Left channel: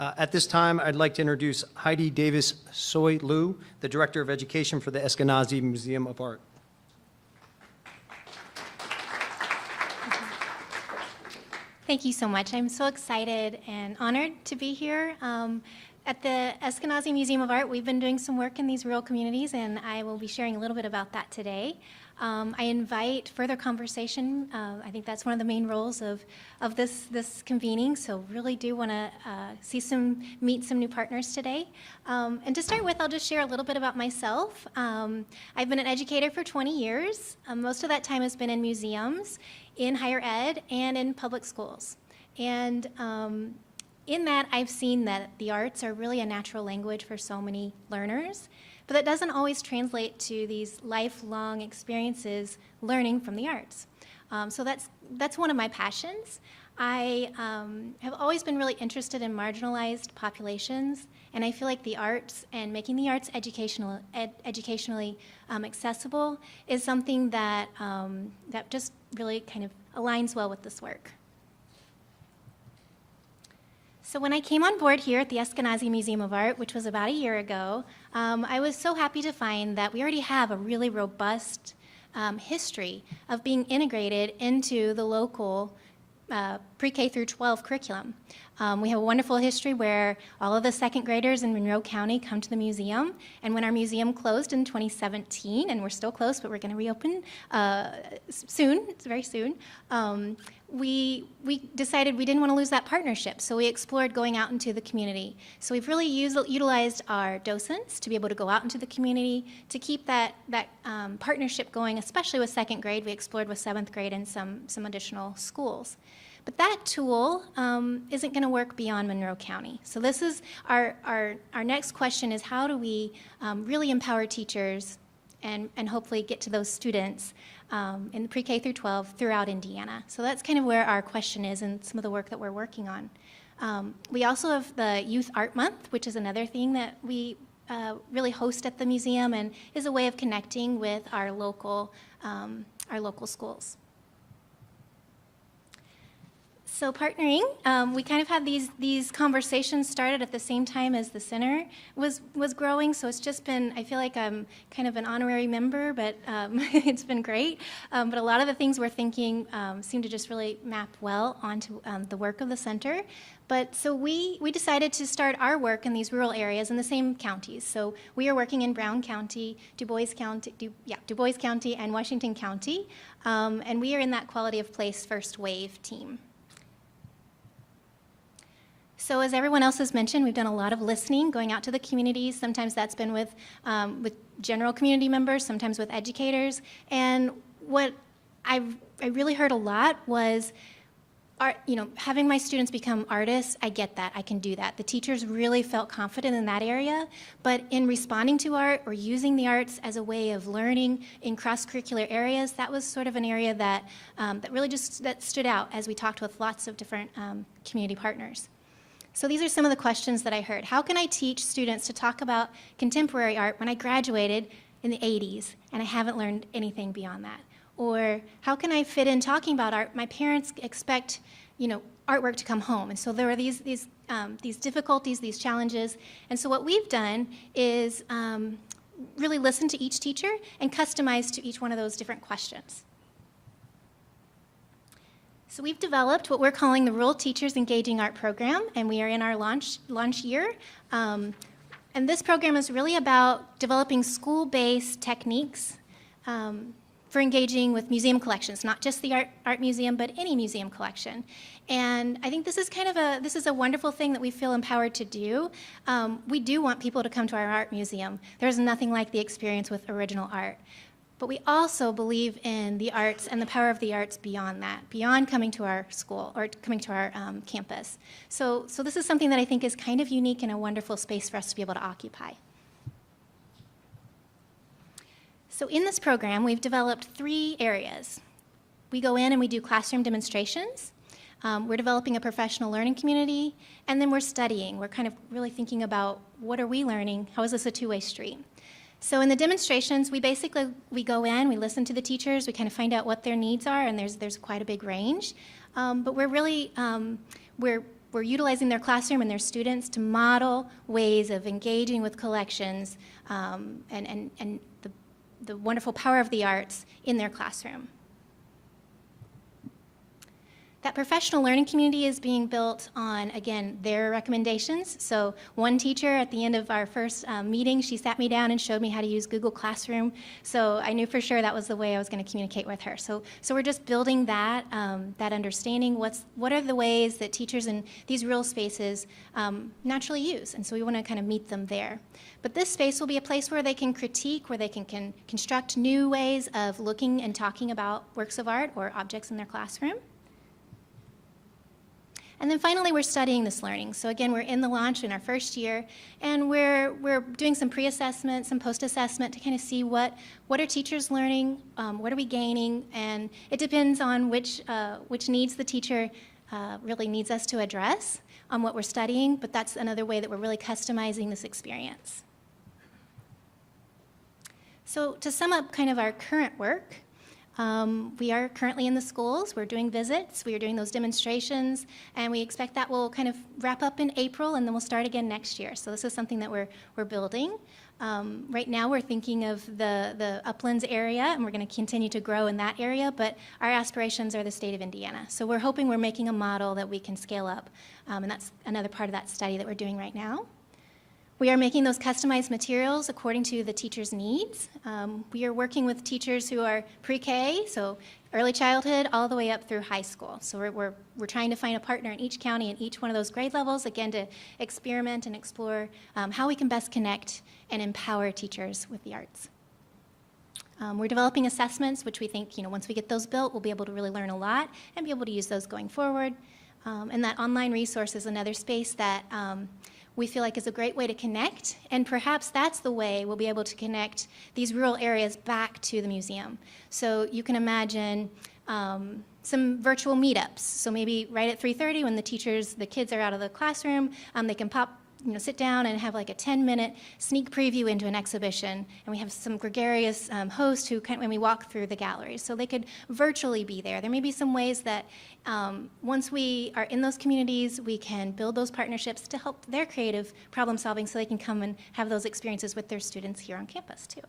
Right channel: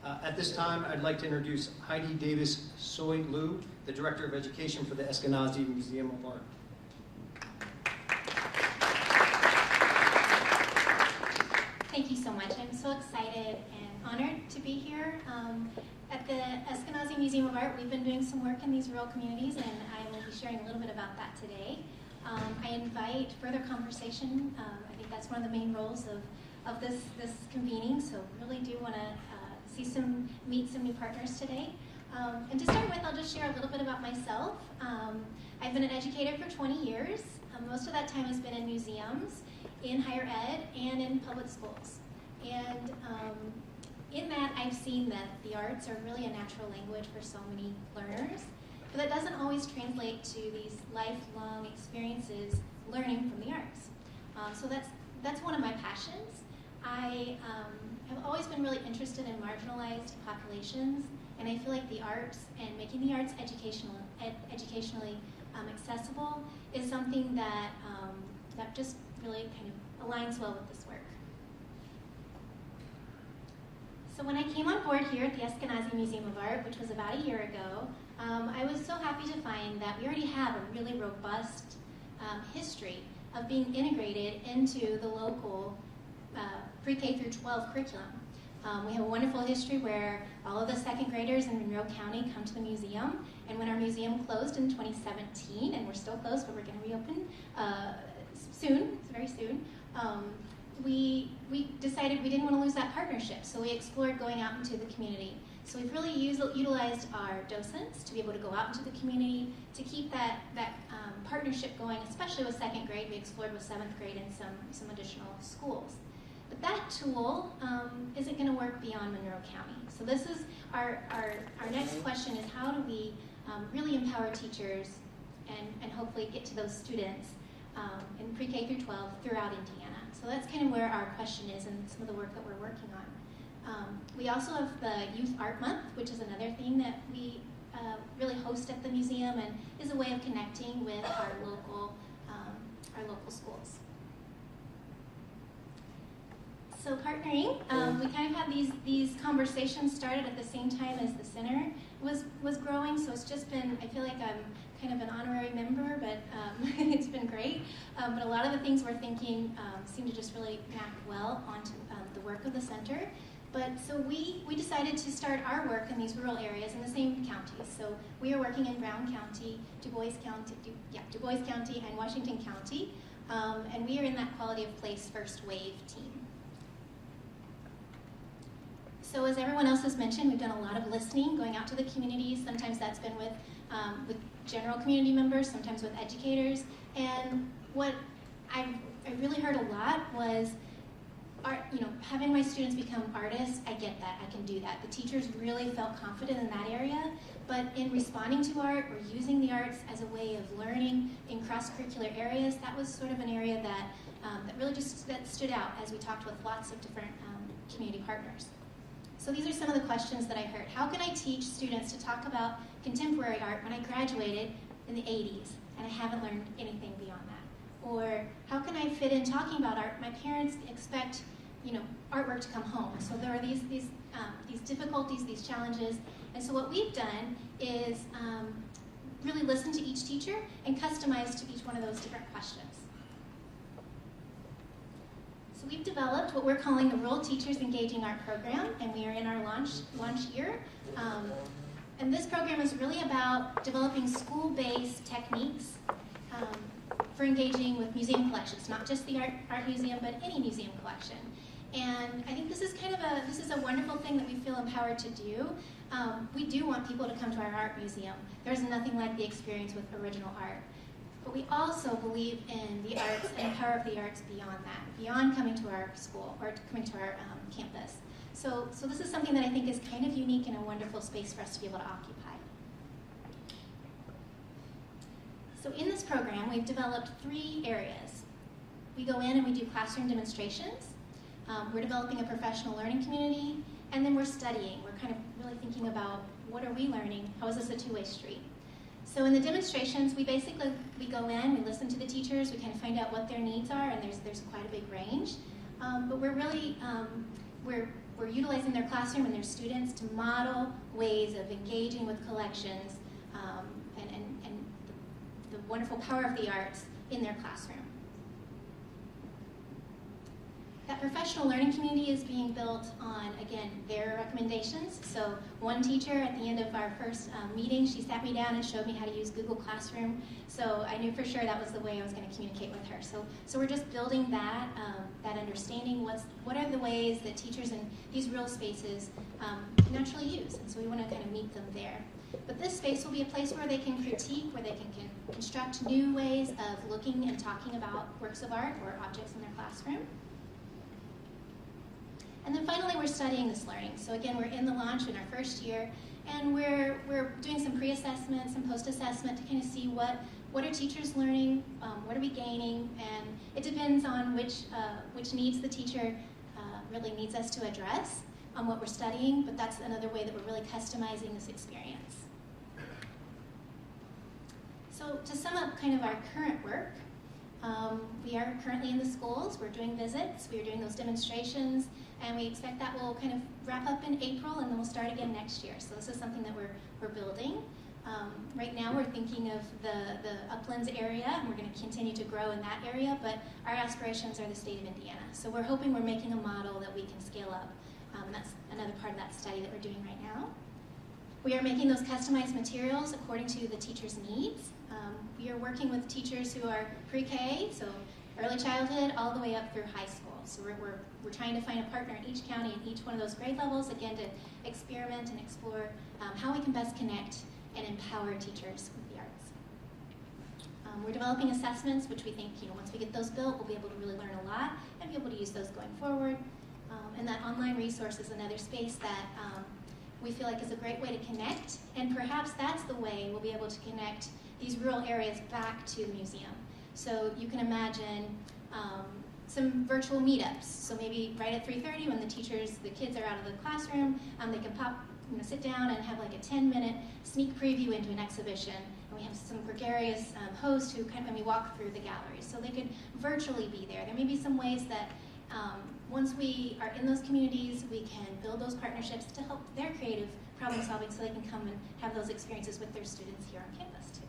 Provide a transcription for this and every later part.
At this time, I'd like to introduce Heidi Davis-Soylu, the Director of Education for the Eskenazi Museum of Art. Thank you so much. I'm so excited and honored to be here. At the Eskenazi Museum of Art, we've been doing some work in these rural communities, and I will be sharing a little bit about that today. I invite further conversation. I think that's one of the main roles of this convening, so really do want to meet some new partners today. And to start with, I'll just share a little bit about myself. I've been an educator for 20 years. Most of that time has been in museums, in higher ed, and in public schools. And in that, I've seen that the arts are really a natural language for so many learners, but that doesn't always translate to these lifelong experiences learning from the arts. So that's one of my passions. I have always been really interested in marginalized populations, and I feel like the arts and making the arts educationally accessible is something that that just really kind of aligns well with this work. So when I came on board here at the Eskenazi Museum of Art, which was about a year ago, I was so happy to find that we already have a really robust history of being integrated into the local pre-K through 12 curriculum. We have a wonderful history where all of the second graders in Monroe County come to the museum, and when our museum closed in 2017, and we're still closed, but we're going to reopen soon, it's very soon, we decided we didn't want to lose that partnership, so we explored going out into the community. So we've really utilized our docents to be able to go out into the community to keep that partnership going, especially with second grade. We explored with seventh grade and some additional schools. But that tool isn't going to work beyond Monroe County. So this is our next question is how do we really empower teachers and hopefully get to those students in the pre-K through 12 throughout Indiana. So that's kind of where our question is and some of the work that we're working on. We also have the Youth Art Month, which is another thing that we really host at the museum and is a way of connecting with our local schools. So partnering, we kind of had these conversations started at the same time as the center was growing, so it's just been, I feel like I'm kind of an honorary member, but it's been great. But a lot of the things we're thinking seem to just really map well onto the work of the center. But so we decided to start our work in these rural areas in the same counties. So we are working in Brown County, Du Bois County, and Washington County, and we are in that Quality of Place First Wave team. So as everyone else has mentioned, we've done a lot of listening, going out to the communities. Sometimes that's been with general community members, sometimes with educators. And what I really heard a lot was, having my students become artists, I get that, I can do that. The teachers really felt confident in that area, but in responding to art or using the arts as a way of learning in cross-curricular areas, that was sort of an area that really that stood out as we talked with lots of different community partners. So these are some of the questions that I heard. How can I teach students to talk about contemporary art when I graduated in the 80s and I haven't learned anything beyond that? Or how can I fit in talking about art? My parents expect, artwork to come home. And so there are these difficulties, these challenges. And so what we've done is really listen to each teacher and customize to each one of those different questions. So we've developed what we're calling the Rural Teachers Engaging Art Program, and we are in our launch year. And this program is really about developing school-based techniques for engaging with museum collections, not just the art museum, but any museum collection. And I think this is a wonderful thing that we feel empowered to do. We do want people to come to our art museum. There's nothing like the experience with original art. But we also believe in the arts and the power of the arts beyond that, beyond coming to our school or coming to our campus. So this is something that I think is kind of unique and a wonderful space for us to be able to occupy. So in this program, we've developed 3 areas. We go in and we do classroom demonstrations. We're developing a professional learning community, and then we're studying. We're kind of really thinking about what are we learning? How is this a two-way street? So in the demonstrations, we go in, we listen to the teachers, we kind of find out what their needs are, and there's quite a big range. But we're really, we're we're utilizing their classroom and their students to model ways of engaging with collections and the wonderful power of the arts in their classroom. That professional learning community is being built on, again, their recommendations. So one teacher at the end of our first meeting, she sat me down and showed me how to use Google Classroom. So I knew for sure that was the way I was going to communicate with her. So we're just building that, that understanding. What are the ways that teachers in these real spaces naturally use? And so we want to kind of meet them there. But this space will be a place where they can critique, where they can construct new ways of looking and talking about works of art or objects in their classroom. And then finally, we're studying this learning. So again, we're in the launch in our first year, and we're doing some pre-assessment, some post-assessment to kind of see what are teachers learning, what are we gaining, and it depends on which needs the teacher really needs us to address on what we're studying, but that's another way that we're really customizing this experience. So to sum up kind of our current work, we are currently in the schools. We're doing visits. We are doing those demonstrations, and we expect that will kind of wrap up in April, and then we'll start again next year. So this is something that we're building. Right now, we're thinking of the Uplands area, and we're going to continue to grow in that area, but our aspirations are the state of Indiana. So we're hoping we're making a model that we can scale up, and that's another part of that study that we're doing right now. We are making those customized materials according to the teacher's needs. We are working with teachers who are pre-K, so early childhood, all the way up through high school. So we're trying to find a partner in each county in each one of those grade levels, again, to experiment and explore how we can best connect and empower teachers with the arts. We're developing assessments, which we think, once we get those built, we'll be able to really learn a lot and be able to use those going forward. And that online resource is another space that we feel like is a great way to connect, and perhaps that's the way we'll be able to connect these rural areas back to the museum. So you can imagine some virtual meetups. So maybe right at 3:30 when the kids are out of the classroom, they can sit down and have like a 10-minute sneak preview into an exhibition, and we have some gregarious host when we walk through the galleries. So they could virtually be there. There may be some ways that once we are in those communities, we can build those partnerships to help their creative problem solving so they can come and have those experiences with their students here on campus too.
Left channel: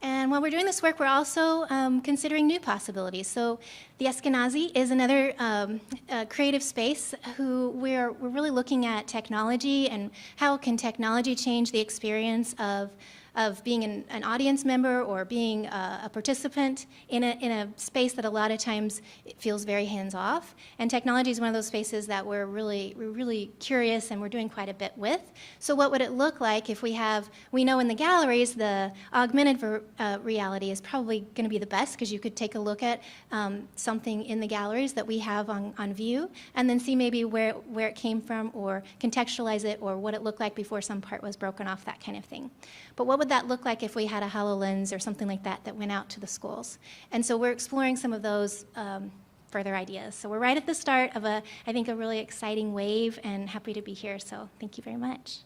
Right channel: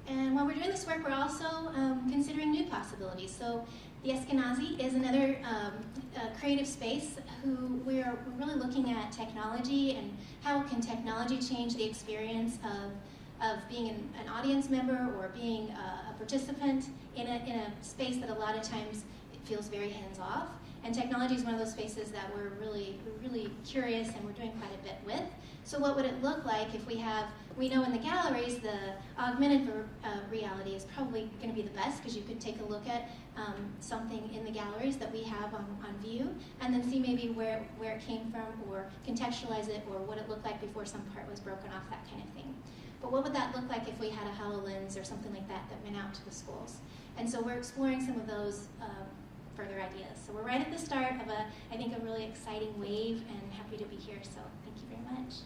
And while we're doing this work, we're also considering new possibilities. So the Eskenazi is another creative space who we're really looking at technology and how can technology change the experience of being an audience member or being a participant in a space that a lot of times it feels very hands-off. And technology is one of those spaces that we're really curious and we're doing quite a bit with. So what would it look like if we know in the galleries the augmented reality is probably going to be the best, because you could take a look at something in the galleries that we have on view and then see maybe where it came from or contextualize it or what it looked like before some part was broken off, that kind of thing. But what would that look like if we had a HoloLens or something like that went out to the schools? And so we're exploring some of those further ideas. So we're right at the start of I think a really exciting wave, and happy to be here. So thank you very much.